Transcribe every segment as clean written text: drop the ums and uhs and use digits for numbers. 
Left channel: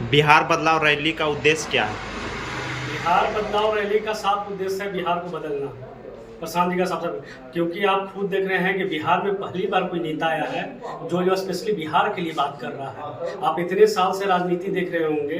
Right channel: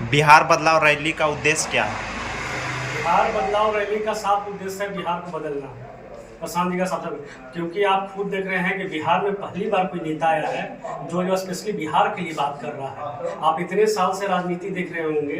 बिहार बदलाव रैली का उद्देश्य क्या है? बिहार बदलाव रैली का साफ उद्देश्य है बिहार को बदलना। प्रशांत जी का सबसे, क्योंकि आप खुद देख रहे हैं कि बिहार में पहली बार कोई नेता आया है जो स्पेशली बिहार के लिए बात कर रहा है। आप इतने साल से राजनीति देख रहे होंगे,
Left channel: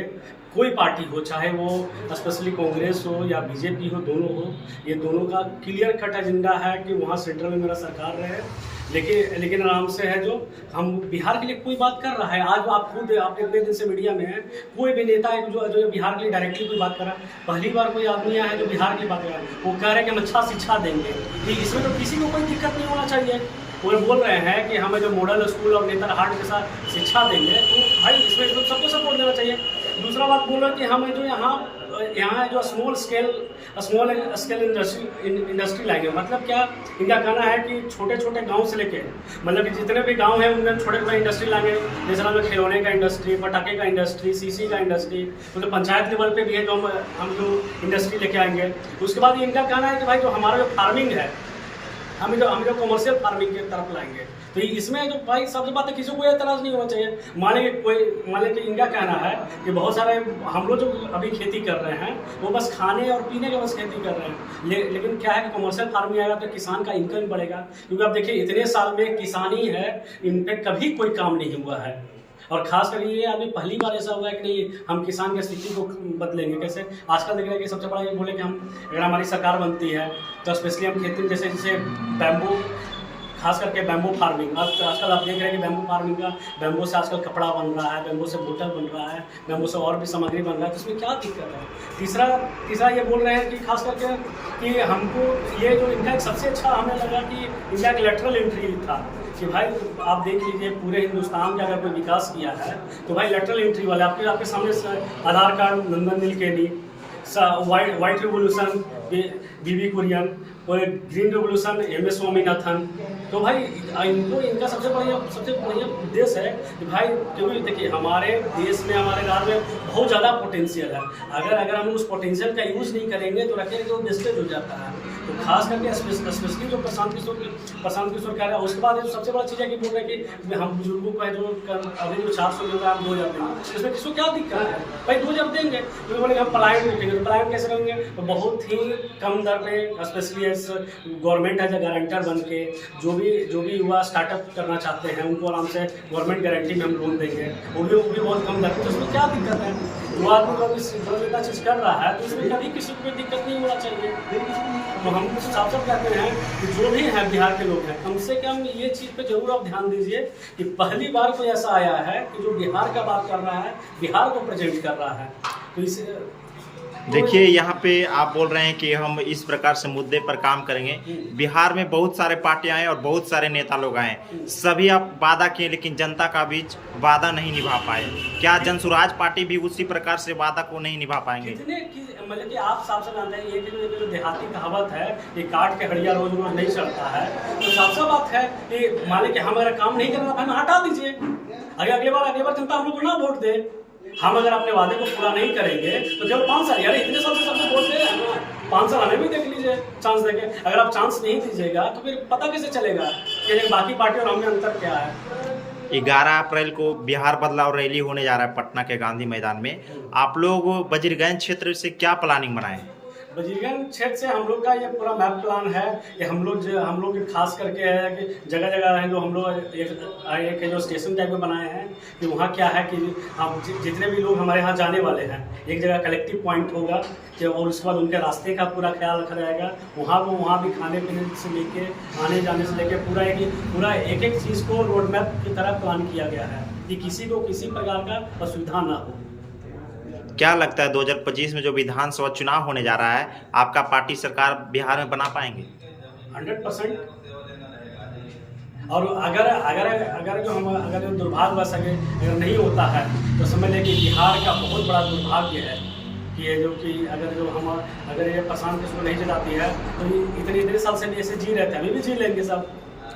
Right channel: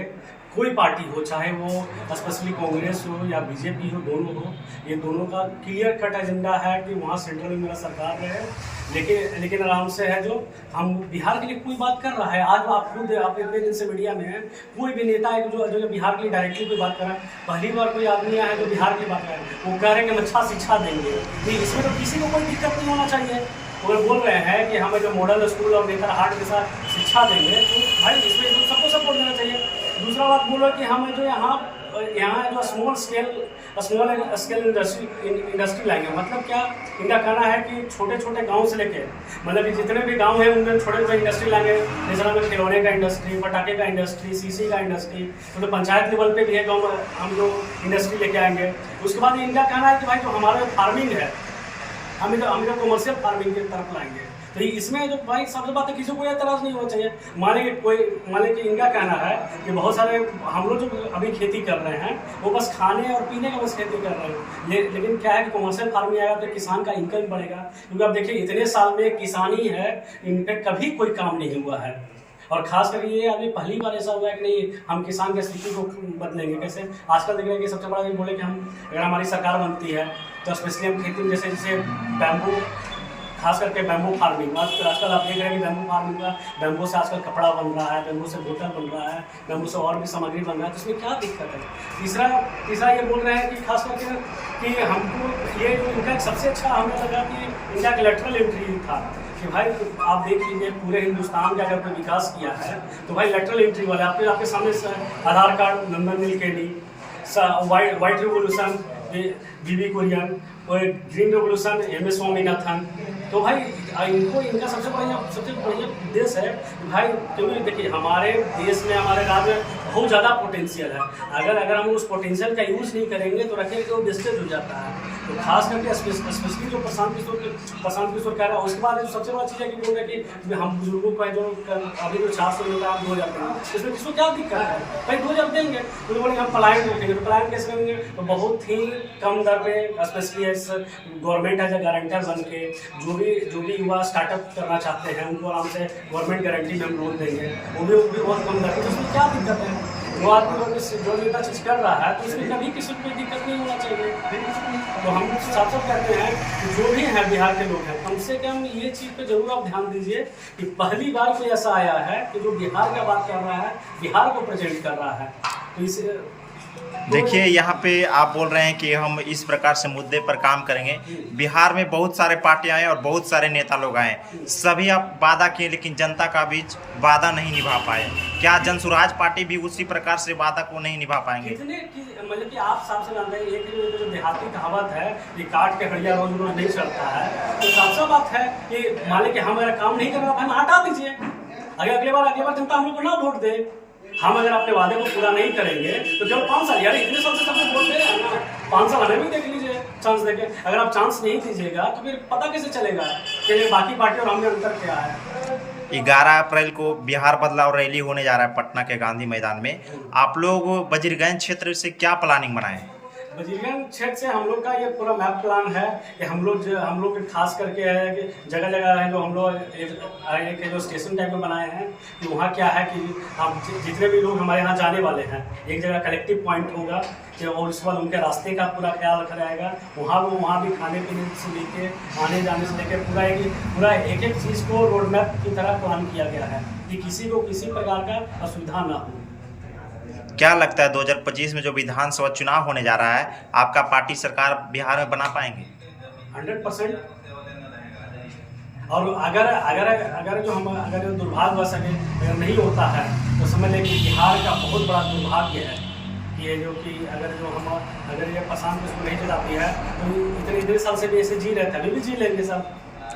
कोई पार्टी हो, चाहे वो स्पेशली कांग्रेस हो या बीजेपी हो, दोनों हो, ये दोनों का क्लियर कट एजेंडा है कि वहाँ सेंट्रल में मेरा सरकार रहे। लेकिन आराम से है जो हम बिहार के लिए कोई बात कर रहा है। आज आप खुद आप इतने दिन से मीडिया में हैं, कोई भी नेता है जो बिहार के लिए डायरेक्टली कोई बात कर रहा है। पहली बार कोई आदमी आया है जो बिहार की बात कर रहा है, वो कह रहे हैं कि हम अच्छा शिक्षा देंगे। कि इसमें तो किसी को कोई दिक्कत नहीं होना चाहिए। वो बोल रहे हैं कि हमें जो मॉडल स्कूल और नेतरहाट के साथ शिक्षा देंगे, तो भाई इसमें तो सबको सपोर्ट देना चाहिए। दूसरा बात बोलो कि हमें जो यहाँ जो स्मॉल स्केल इंडस्ट्री लाएंगे। मतलब क्या इनका कहना है कि छोटे छोटे गांव से लेके, मतलब कि जितने भी गांव हैं उनमें छोटे छोटे इंडस्ट्री लाएंगे। जैसे में खिलौने का इंडस्ट्री, पटाखे का इंडस्ट्री, सीसी का इंडस्ट्री, तो पंचायत लेवल पे भी है जो हम लोग इंडस्ट्री लेके आएंगे। उसके बाद इनका कहना है कि भाई जो हमारा जो फार्मिंग है, हम जो कमर्शियल फार्मिंग की तरफ लाएंगे। तो इसमें जो भाई सबसे बात है, किसी को कोई एतराज़ नहीं होना चाहिए। मान कि इनका कहना है कि बहुत सारे हम लोग जो अभी खेती कर रहे हैं वो बस खाने और पीने का बस खेती कर रहे हैं। लेकिन क्या है कि कमर्शियल फार्मिंग आएगा तो किसान का इनकम बढ़ेगा। क्योंकि अब देखिए इतने साल में किसानी है, इन पर कभी कोई काम नहीं हुआ है। और खासकर ये आदमी पहली बार ऐसा होगा कि नहीं हम किसान की स्थिति को बदलेंगे। कैसे आजकल देख रहे हैं कि सबसे बड़ा ये बोले कि हम अगर हमारी सरकार बनती है तो स्पेशली हम खेती में जैसे बैम्बू, खास करके बैम्बू फार्मिंग, आजकल आप देख रहे हैं कि बैम्बू फार्मिंग का, बैम्बू से आजकल कपड़ा बन रहा है, बैम्बू से बोतल बन रहा है, बैम्बू से और भी सामग्री बन रहा है। तो इसमें क्या दिक्कत है? तीसरा ये बोल रहे हैं कि खास करके कि हमको ये जो इनका सबसे अच्छा हमें लगा कि इनका एक लेटरल एंट्री था कि भाई आप देख लीजिए पूरे हिंदुस्तान का अगर कोई विकास किया है तो भाई लेटरल एंट्री वाले आपके सामने आधार कार्ड, नंदन नीलकेनी, वाइट रिवोल्यूशन बीबी कुरियन, और ग्रीन रेवोल्यूशन एम.एस. स्वामीनाथन। तो भाई इनका सबसे बढ़िया उद्देश्य है कि भाई, क्योंकि देखिए हमारे देश में, हमारे राज्य में बहुत ज़्यादा पोटेंशियल है। अगर हम उस पोटेंशियल का यूज़ नहीं करेंगे तो रखेंगे तो वेस्टेज हो जाता है। तो खास करके स्पेशली जो प्रशांत किशोर कह रहा है। उसके बाद जो सबसे बड़ा चीज़ है कि बोल रहे हैं कि हम बुजुर्गों को जो अभी जो 400 रुपये आप 2000 देंगे, इसमें किसको क्या दिक्कत है? भाई 2000 देंगे तो बोलेंगे हम पलायन रोकेंगे। तो पलायन कैसे करेंगे? तो बहुत ही कम दर पे, specially government as a guarantor बन के जो भी युवा स्टार्टअप करना चाहते हैं उनको आराम से गवर्नमेंट गारंटी में हम लोन देंगे। वो भी बहुत कम दर पे। तो उसमें क्या दिक्कत है? वो आदमी जो नेता चीज़ कर रहा है तो उसमें कभी किसी को कोई दिक्कत नहीं होना चाहिए। तो हम साफ साफ कहते हैं कि जो भी है बिहार के लोग हैं, कम से कम ये चीज़ पे जरूर आप ध्यान दीजिए कि पहली बार कोई ऐसा आया है कि जो बिहार का बात कर रहा है, बिहार को प्रेजेंट कर रहा है। तो इस देखिए यहाँ पे आप बोल रहे हैं कि हम इस प्रकार से मुद्दे पर काम करेंगे। बिहार में बहुत सारे पार्टियां हैं और बहुत सारे नेता लोग आए, सभी आप वादा किए लेकिन जनता का बीच वादा नहीं निभा पाए। क्या जनसुराज पार्टी भी उसी प्रकार से वादा को नहीं निभा पाएंगे? मतलब कि आप साफ साफ जानते हैं ये जो देहाती कहावत है, ये काट के हड़िया रोज रोज नहीं चलता है। तो साफ साफ बात है कि माने कि हम अगर काम नहीं करना था, हटा दीजिए। अगर अगली बार जनता हम लोग को ना वोट दे, हम अगर अपने वादे को पूरा नहीं करेंगे तो केवल 5 साल, यार इतने साल से सबको वोट दे रहे हैं ना, 5 साल हमें भी देख लीजिए चांस देके। अगर आप चांस नहीं दीजिएगा तो फिर पता कैसे चलेगा कि बाकी पार्टी और हम में अंतर क्या है? 11 अप्रैल को बिहार बदलाव रैली होने जा रहा है पटना के गांधी मैदान में। आप लोग वजीरगंज क्षेत्र से क्या प्लानिंग बनाए? वजीरगंज क्षेत्र से हम लोग का ये पूरा मैप प्लान है कि हम लोग खास करके है कि जगह जगह है जो हम लोग एक जो स्टेशन टाइप में बनाए हैं कि वहाँ क्या है कि हम जितने भी लोग हमारे यहाँ जाने वाले हैं, एक जगह कलेक्टिव पॉइंट होगा जो, और उसके बाद उनके रास्ते का पूरा ख्याल रखा जाएगा। वहाँ भी खाने पीने से लेके आने जाने से लेके पूरा एक एक चीज़ को रोड मैप की तरह प्लान किया गया है कि किसी को किसी प्रकार का असुविधा ना हो। क्या लगता है 2025 में जो विधानसभा चुनाव होने जा रहा है, आपका पार्टी सरकार बिहार में बना पाएंगे? 100%। और अगर जो दुर्भाग्यवश अगर नहीं होता है तो समझ लें कि बिहार का बहुत बड़ा दुर्भाग्य है कि ये जो कि अगर ये प्रशांत किशोर नहीं जिताती है तो इतने साल से भी ऐसे जी रहे थे, अभी भी जी लेंगे सब।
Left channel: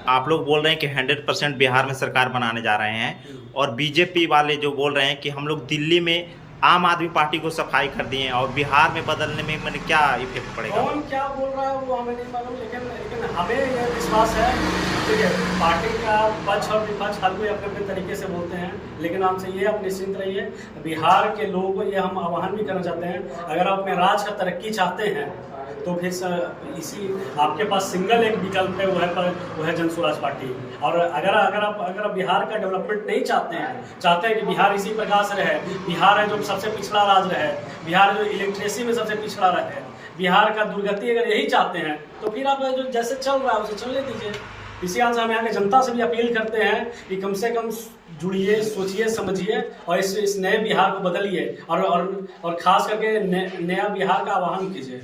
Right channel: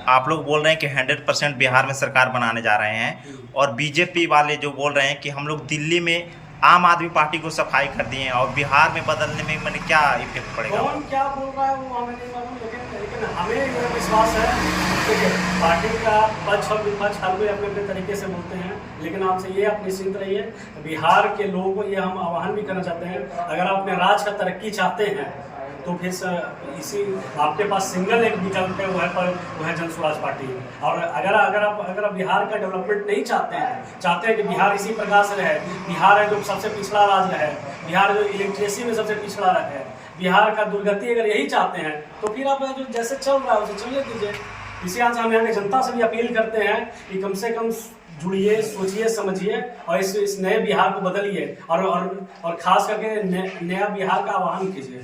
आप लोग बोल रहे हैं कि 100% बिहार में सरकार बनाने जा रहे हैं, और बीजेपी वाले जो बोल रहे हैं कि हम लोग दिल्ली में आम आदमी पार्टी को सफाई कर दिए और बिहार में बदलने में मैंने क्या इफेक्ट पड़ेगा? कौन क्या बोल रहा है वो हमें नहीं मालूम, लेकिन हमें यह विश्वास है कि पार्टी का पक्ष और विपक्ष हर कोई अपने अपने तरीके से बोलते हैं। लेकिन आपसे ये आप निश्चिंत रहिए, बिहार के लोगों को ये हम आह्वान भी करना चाहते हैं, अगर आप अपने राज्य का तरक्की चाहते हैं तो फिर इसी आपके पास सिंगल एक विकल्प है, वो है जन स्वराज पार्टी। और अगर आप बिहार का डेवलपमेंट नहीं चाहते हैं कि बिहार इसी प्रकार से रहे, बिहार है जो सबसे पिछड़ा राज्य रहे, बिहार जो इलेक्ट्रेसी में सबसे पिछड़ा रहे, बिहार का दुर्गति अगर यही चाहते हैं तो फिर आप जो जैसे चल रहा है उसे चलने दीजिए। इसी आज हम यहाँ की जनता से भी अपील करते हैं कि कम से कम जुड़िए, सोचिए, समझिए और इस नए बिहार को बदलिए और खास करके नया बिहार का आह्वान कीजिए।